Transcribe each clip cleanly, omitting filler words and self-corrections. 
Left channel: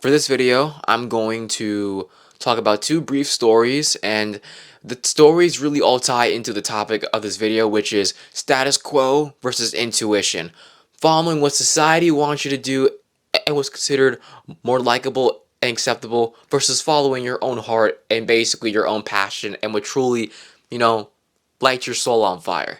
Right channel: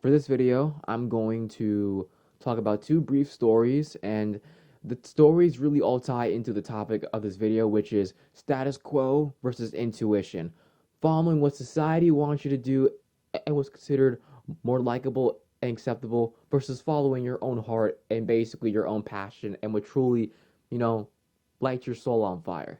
For this video, I'm going to talk about two brief stories, and the stories really all tie into the topic of this video, which is status quo versus intuition. Following what society wants you to do and what's considered more likable and acceptable versus following your own heart and basically your own passion and what truly, you know, lights your soul on fire.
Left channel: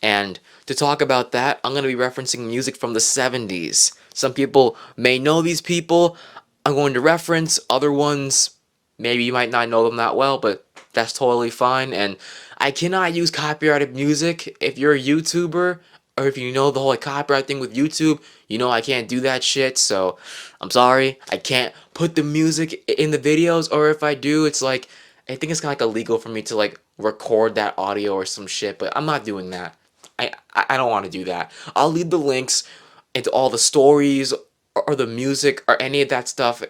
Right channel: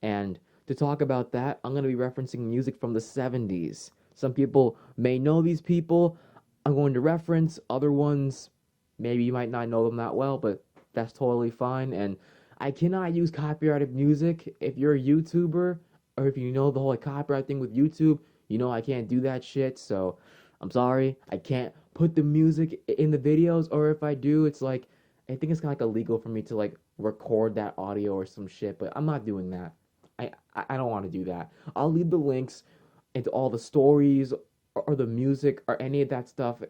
And to talk about that, I'm going to be referencing music from the 70s. Some people may know these people. I'm going to reference other ones. Maybe you might not know them that well, but that's totally fine. And I cannot use copyrighted music. If you're a YouTuber or if you know the whole copyright thing with YouTube, you know I can't do that shit. So I'm sorry. I can't put the music in the videos, or if I do, it's like I think it's kind of like illegal for me to like record that audio or some shit, but I'm not doing that. I don't want to do that. I'll leave the links into all the stories or the music or any of that stuff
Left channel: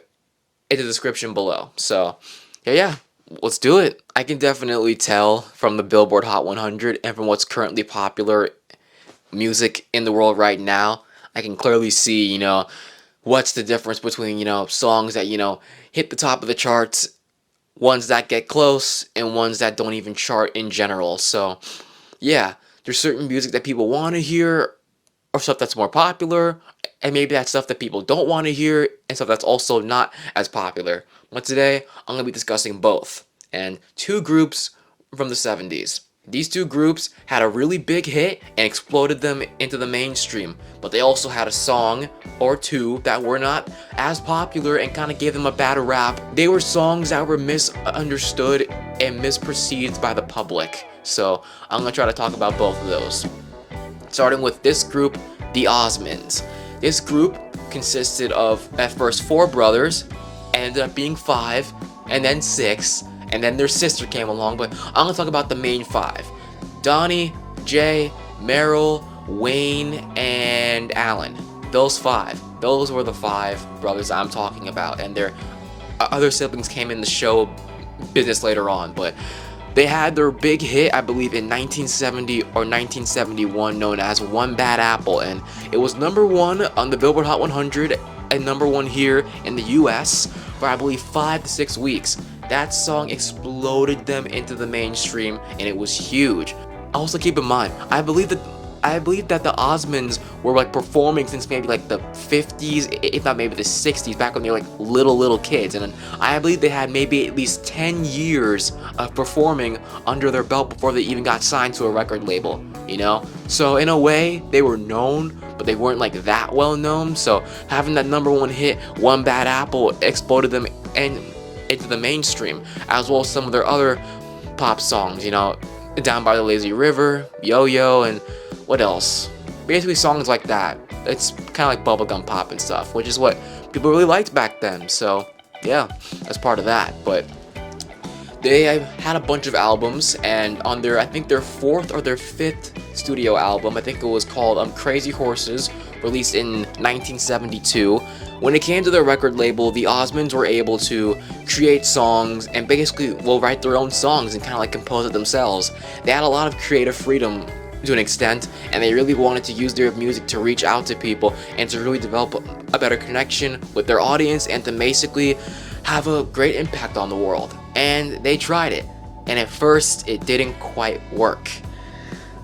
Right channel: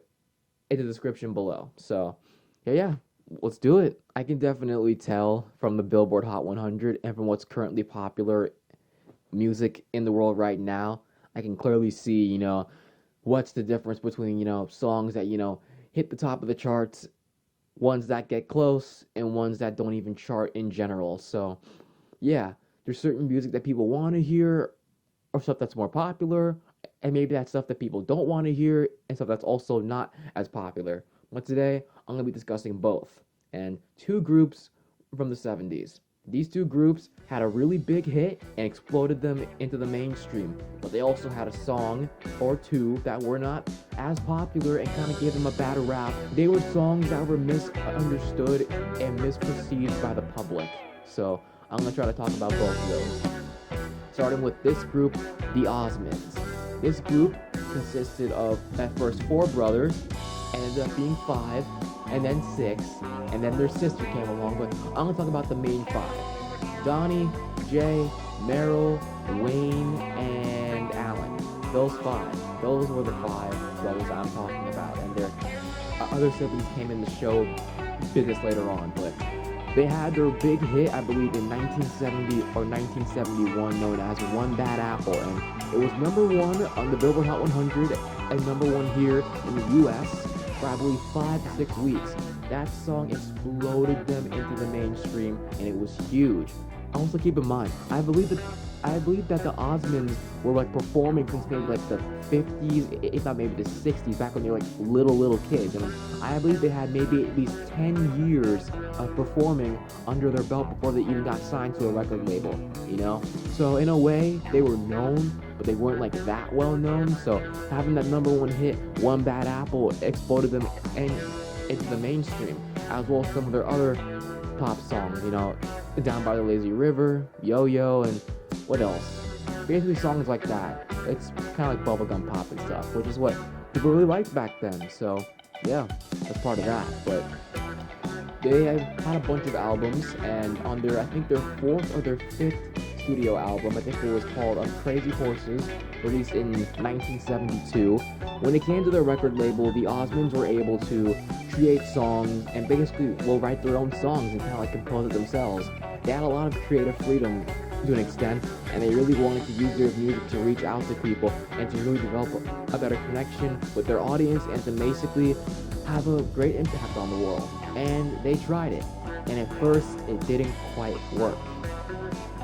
in the description below. So, yeah, let's do it. I can definitely tell from the Billboard Hot 100 and from what's currently popular music in the world right now. I can clearly see, what's the difference between, songs that, hit the top of the charts, ones that get close, and ones that don't even chart in general. So, yeah, there's certain music that people want to hear or stuff that's more popular, and maybe that's stuff that people don't want to hear and stuff that's also not as popular. But today, I'm going to be discussing both and two groups from the 70s. These two groups had a really big hit and exploded them into the mainstream, but they also had a song or two that were not as popular and kind of gave them a bad rap. They were songs that were misunderstood and misperceived by the public. So I'm going to try to talk about both of those. Starting with this group, the Osmonds. This group consisted of, at first, 4 brothers, ended up being 5, and then 6, and then their sister came along, but I'm going to talk about the main 5. Donnie, Jay, Merrill, Wayne, and Alan. Those 5. Those were the 5 brothers I'm talking about, and their other siblings came in the show business later on, but they had their big hit, I believe, in 1970 or 1971, known as One Bad Apple, and it was number 1 on the Billboard Hot 100 and number 1 here in the US for, I believe, 5 to 6 weeks. That song exploded them into the mainstream, and it was huge. Also, keep in mind, I believe that the Osmonds were like performing since maybe like the 50s, if not maybe the 60s, back when they were like little kids. And I believe they had maybe at least 10 years of performing under their belt before they even got signed to a record label, So in a way, they were known, but they weren't like that well known. So having that number 1 hit, One Bad Apple, exploded them into the mainstream, as well as some of their other pop songs, Down by the Lazy River, Yo-Yo, and what else? Basically songs like that. It's kind of like bubblegum pop and stuff, which is what people really liked back then. So yeah, that's part of that. But they had a bunch of albums, and on their, I think their 4th or their 5th studio album, I think it was called Crazy Horses, released in 1972. When it came to their record label, the Osmonds were able to create songs and basically write their own songs and kind of like compose it themselves. They had a lot of creative freedom to an extent, and they really wanted to use their music to reach out to people and to really develop a better connection with their audience and to basically have a great impact on the world. And they tried it, and at first it didn't quite work.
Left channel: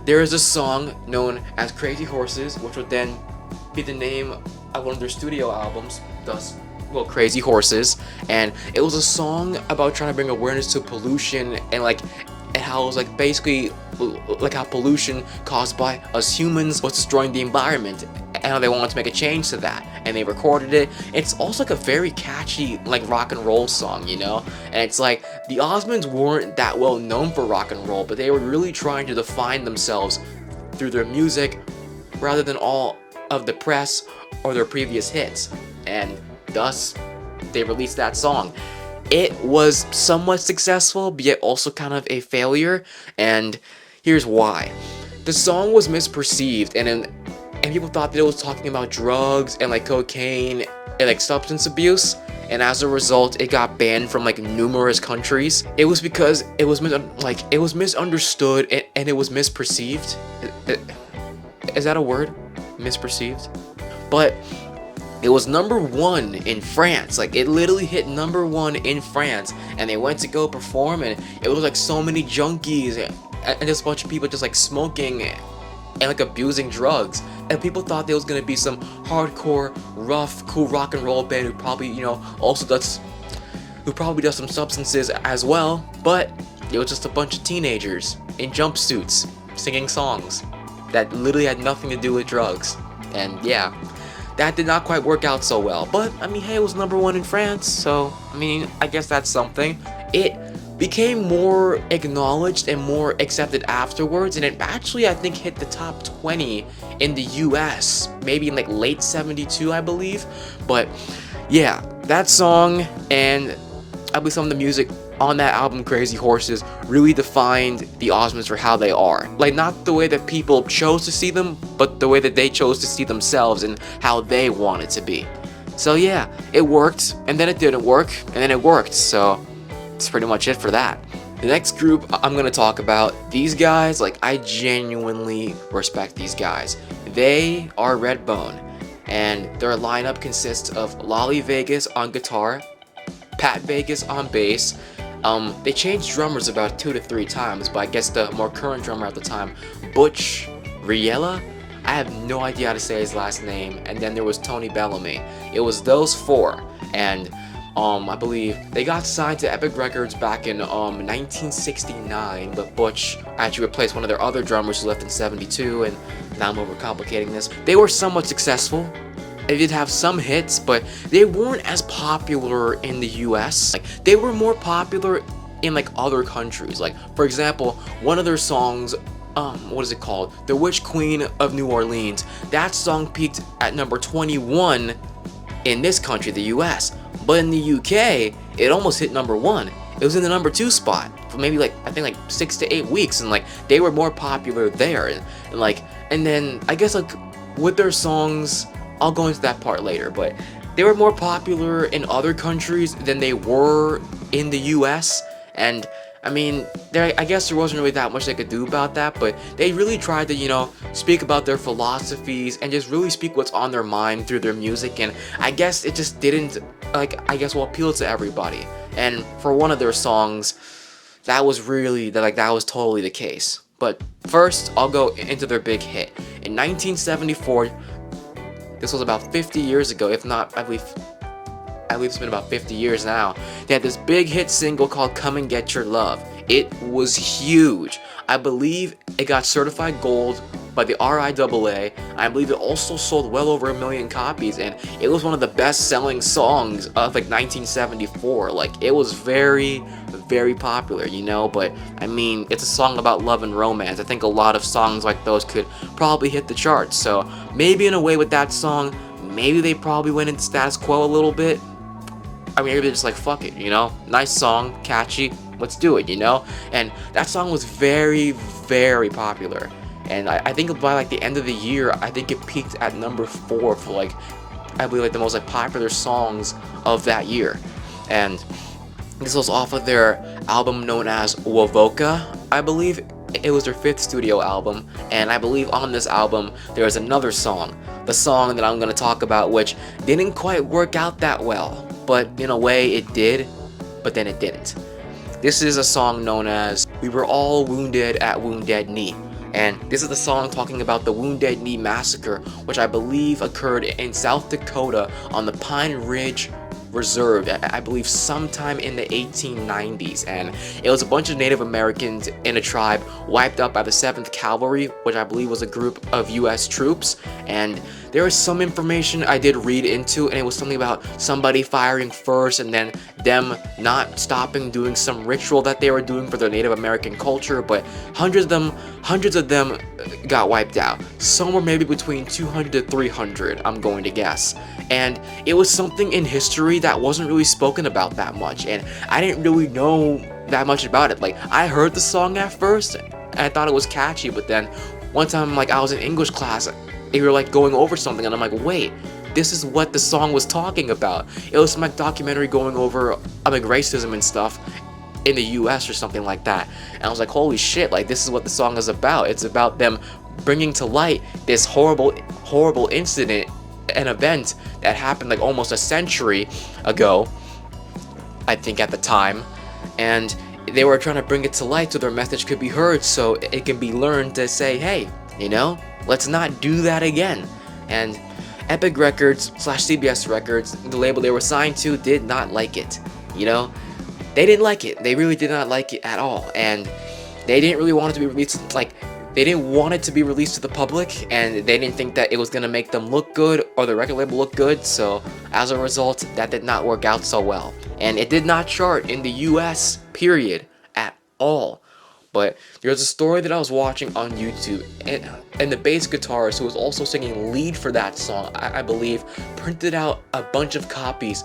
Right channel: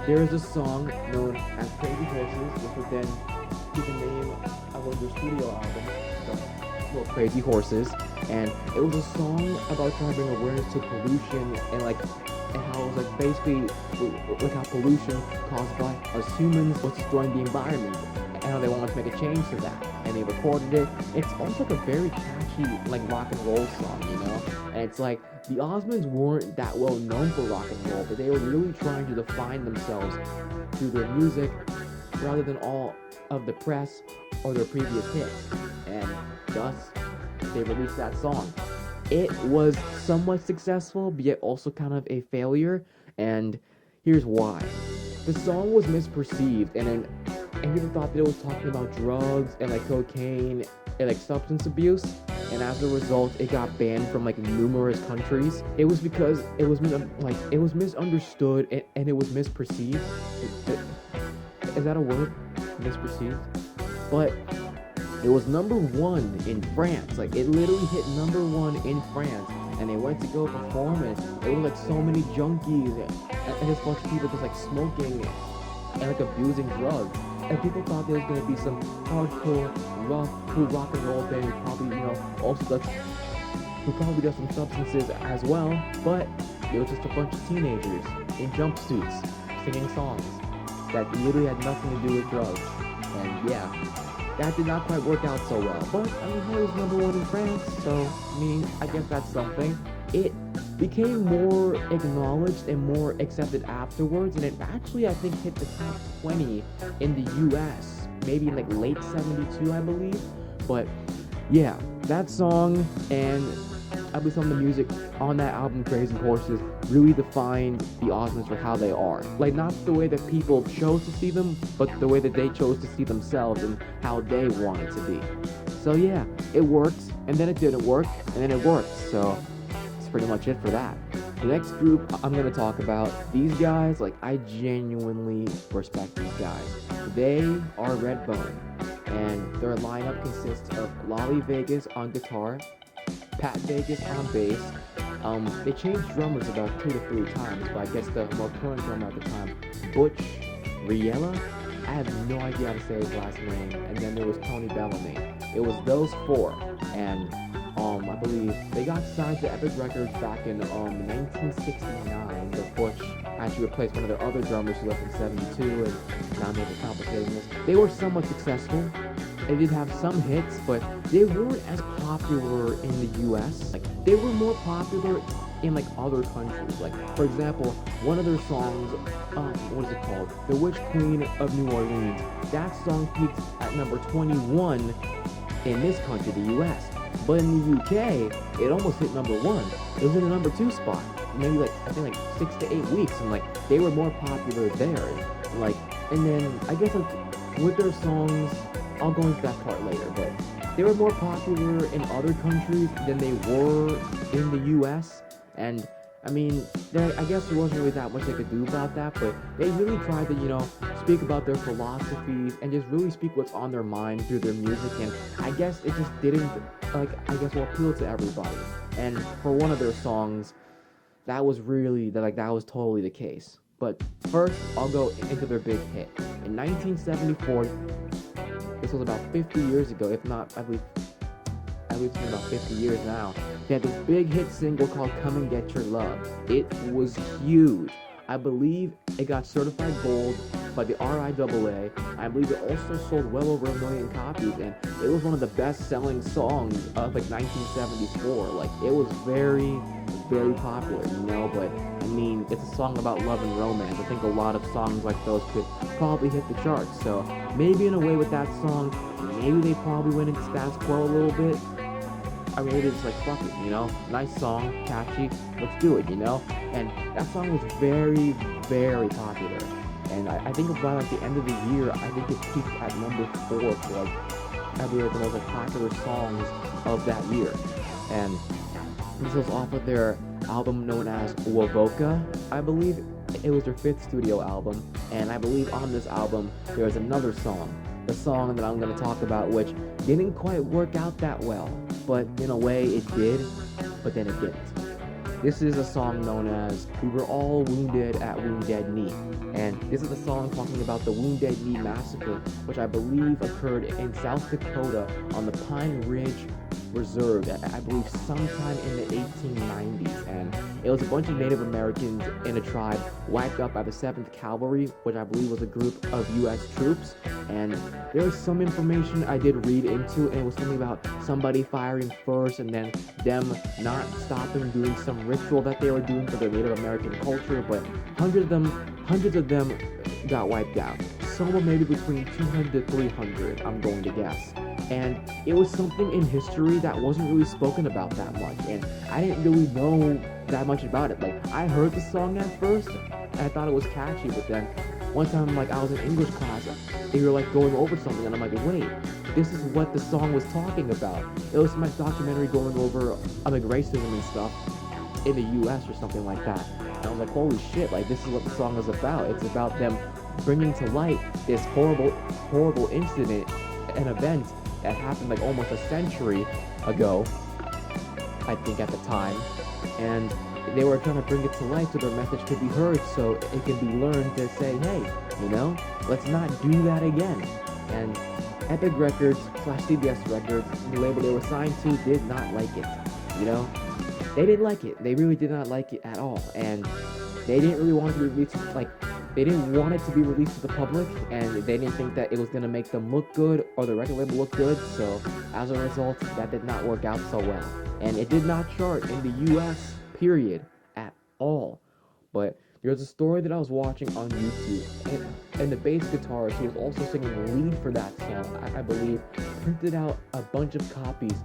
There is a song known as Crazy Horses, which would then be the name of one of their studio albums, thus Crazy Horses, and it was a song about trying to bring awareness to pollution and how it was like basically like how pollution caused by us humans was destroying the environment, and how they wanted to make a change to that, and they recorded it. It's also like a very catchy like rock and roll song, and it's like the Osmonds weren't that well known for rock and roll, but they were really trying to define themselves through their music rather than all of the press or their previous hits, and thus they released that song. It was somewhat successful, but yet also kind of a failure, and here's why. The song was misperceived, and people thought that it was talking about drugs and like cocaine and like substance abuse, and as a result, it got banned from like numerous countries. It was because it was misunderstood and it was misperceived. Is that a word? Misperceived? But It was number 1 in France. Like, it literally hit number 1 in France, and they went to go perform, and it was like so many junkies and just a bunch of people just like smoking and like abusing drugs. And people thought there was gonna be some hardcore, rough, cool rock and roll band who probably, who probably does some substances as well, but it was just a bunch of teenagers in jumpsuits singing songs that literally had nothing to do with drugs. And yeah, that did not quite work out so well. But I mean, hey, it was number 1 in France, so I mean, I guess that's something. It became more acknowledged and more accepted afterwards, and it actually, I think, hit the top 20 in the US, maybe in like late 72, I believe. But yeah, that song and I believe some of the music on that album, Crazy Horses, really defined the Osmonds for how they are. Like, not the way that people chose to see them, but the way that they chose to see themselves and how they wanted to be. So yeah, it worked, and then it didn't work, and then it worked, so that's pretty much it for that. The next group I'm gonna talk about, these guys, like, I genuinely respect these guys. They are Redbone, and their lineup consists of Lolly Vegas on guitar, Pat Vegas on bass. They changed drummers about 2 to 3 times, but I guess the more current drummer at the time, Butch Riella, I have no idea how to say his last name, and then there was Tony Bellamy. It was those 4, and I believe they got signed to Epic Records back in 1969, but Butch actually replaced one of their other drummers who left in 72, and now I'm overcomplicating this. They were somewhat successful. They did have some hits, but they weren't as popular in the US. Like, they were more popular in like other countries. Like, for example, one of their songs, what is it called? The Witch Queen of New Orleans. That song peaked at number 21 in this country, the US. But in the UK, it almost hit number 1. It was in the number 2 spot for maybe like, I think like 6 to 8 weeks, and like they were more popular there. And then I guess like with their songs, I'll go into that part later, but they were more popular in other countries than they were in the US. And I mean, I guess there wasn't really that much they could do about that, but they really tried to, speak about their philosophies and just really speak what's on their mind through their music. And I guess it just didn't, appeal to everybody. And for one of their songs, that was totally the case. But first, I'll go into their big hit. In 1974, this was about 50 years ago, if not, I believe it's been about 50 years now. They had this big hit single called Come and Get Your Love. It was huge. I believe it got certified gold by the RIAA. I believe it also sold well over 1 million copies, and it was one of the best-selling songs of like 1974. Like, it was very, very popular, but I mean, it's a song about love and romance. I think a lot of songs like those could probably hit the charts. So maybe in a way with that song, maybe they probably went into status quo a little bit. I mean, maybe they're just like, fuck it, nice song, catchy, let's do it, and that song was very, very popular. And I think by like the end of the year, I think it peaked at number 4 for like, I believe like the most like popular songs of that year. And this was off of their album known as Wovoka. I believe it was their 5th studio album, and I believe on this album there is another song, the song that I'm going to talk about, which didn't quite work out that well, but in a way it did, but then it didn't. This is a song known as We Were All Wounded at Wounded Knee. And this is the song talking about the Wounded Knee Massacre, which I believe occurred in South Dakota on the Pine Ridge Reserve, I believe sometime in the 1890s, and it was a bunch of Native Americans in a tribe wiped out by the 7th Cavalry, which I believe was a group of US troops. And there was some information I did read into, and it was something about somebody firing first and then them not stopping doing some ritual that they were doing for their Native American culture, but hundreds of them got wiped out. Somewhere maybe between 200 to 300, I'm going to guess. And it was something in history that wasn't really spoken about that much, and I didn't really know that much about it. Like, I heard the song at first, and I thought it was catchy, but then one time, like, I was in English class, we were like going over something, and I'm like, wait, this is what the song was talking about. It was some like documentary going over like racism and stuff in the US or something like that. And I was like, holy shit, like, this is what the song is about. It's about them bringing to light this horrible incident an event that happened like almost a century ago, I think at the time, and they were trying to bring it to light so their message could be heard, so it can be learned to say, hey, let's not do that again. And Epic Records / CBS Records, the label they were signed to, did not like it. They didn't like it. They really did not like it at all, and they didn't really want it to be released. Like, they didn't want it to be released to the public, and they didn't think that it was gonna make them look good or the record label look good. So as a result, that did not work out so well, and it did not chart in the U.S. period at all. But there's a story that I was watching on YouTube, and the bass guitarist who was also singing lead for that song, I believe, printed out a bunch of copies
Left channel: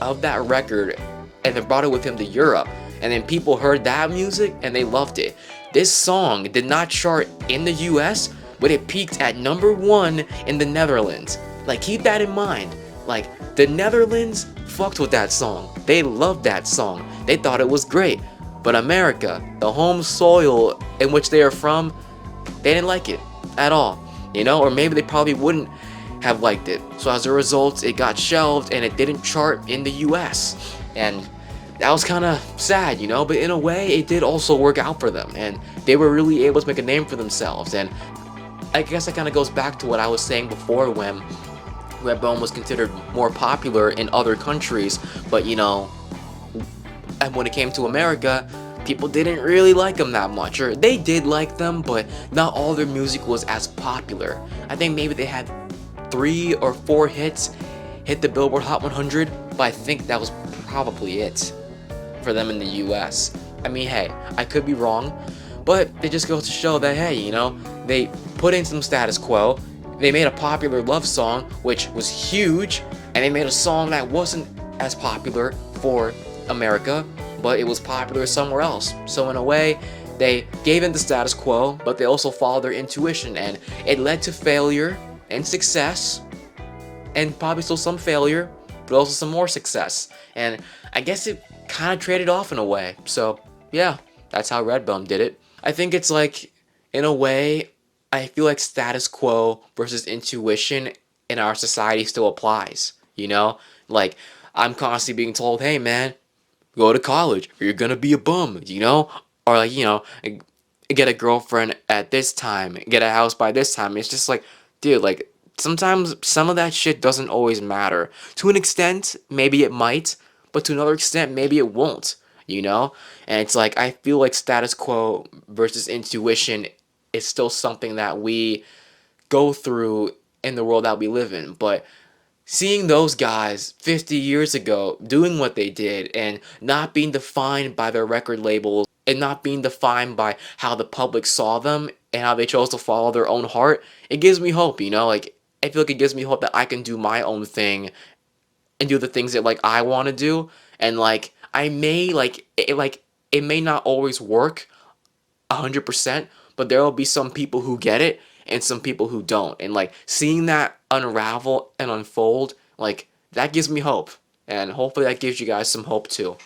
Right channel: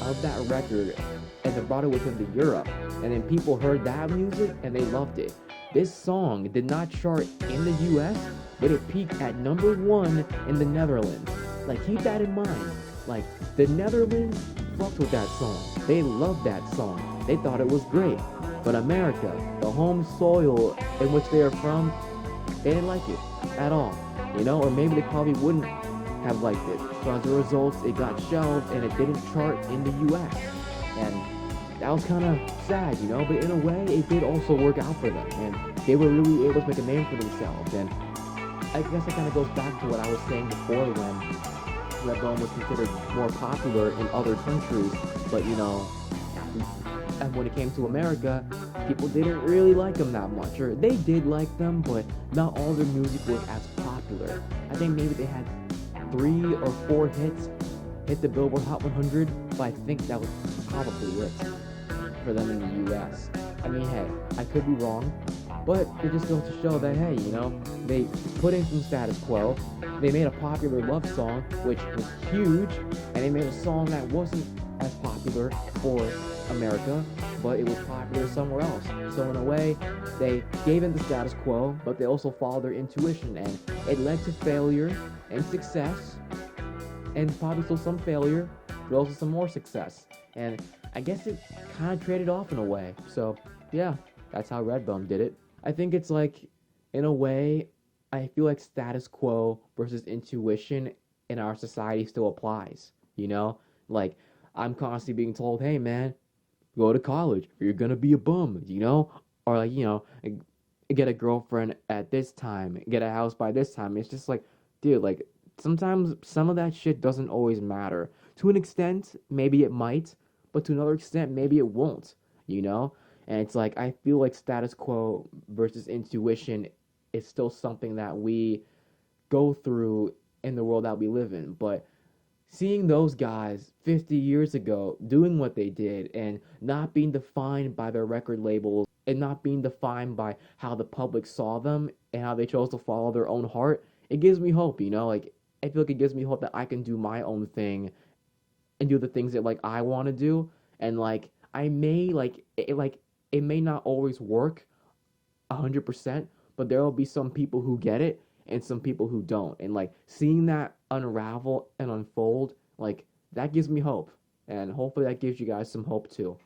of that record and then brought it with him to Europe. And then people heard that music and they loved it. This song did not chart in the US, but it peaked at #1 in the Netherlands. Like, keep that in mind. Like, the Netherlands fucked with that song. They loved that song. They thought it was great. But America, the home soil in which they are from, they didn't like it at all. Or maybe they probably wouldn't have liked it. So as a result, it got shelved and it didn't chart in the US. And that was kind of sad, but in a way, it did also work out for them. And they were really able to make a name for themselves. And I guess that kind of goes back to what I was saying before when Redbone was considered more popular in other countries. But, and when it came to America, people didn't really like them that much. Or they did like them, but not all their music was as popular. I think maybe they had 3 or 4 hits hit the Billboard Hot 100, but I think that was probably it for them in the US. I mean, hey, I could be wrong, but it just goes to show that, hey, they put in some status quo, they made a popular love song, which was huge, and they made a song that wasn't as popular for America, but it was popular somewhere else. So in a way, they gave in the status quo, but they also followed their intuition, and it led to failure and success, and probably still some failure, but also some more success. And I guess it kind of traded off in a way. So yeah, that's how Redbone did it. I think it's like, in a way, I feel like status quo versus intuition in our society still applies. Like, I'm constantly being told, hey man, go to college or you're gonna be a bum, or like, get a girlfriend at this time, get a house by this time. It's just like, dude, like, sometimes some of that shit doesn't always matter. To an extent, maybe it might, but to another extent, maybe it won't, And it's like, I feel like status quo versus intuition is still something that we go through in the world that we live in. But seeing those guys 50 years ago doing what they did and not being defined by their record labels and not being defined by how the public saw them and how they chose to follow their own heart, it gives me hope, Like, I feel like it gives me hope that I can do my own thing and do the things that, like, I want to do. And, like, I may, it may not always work 100%, but there will be some people who get it and some people who don't. And, like, seeing that unravel and unfold, like, that gives me hope. And hopefully that gives you guys some hope too.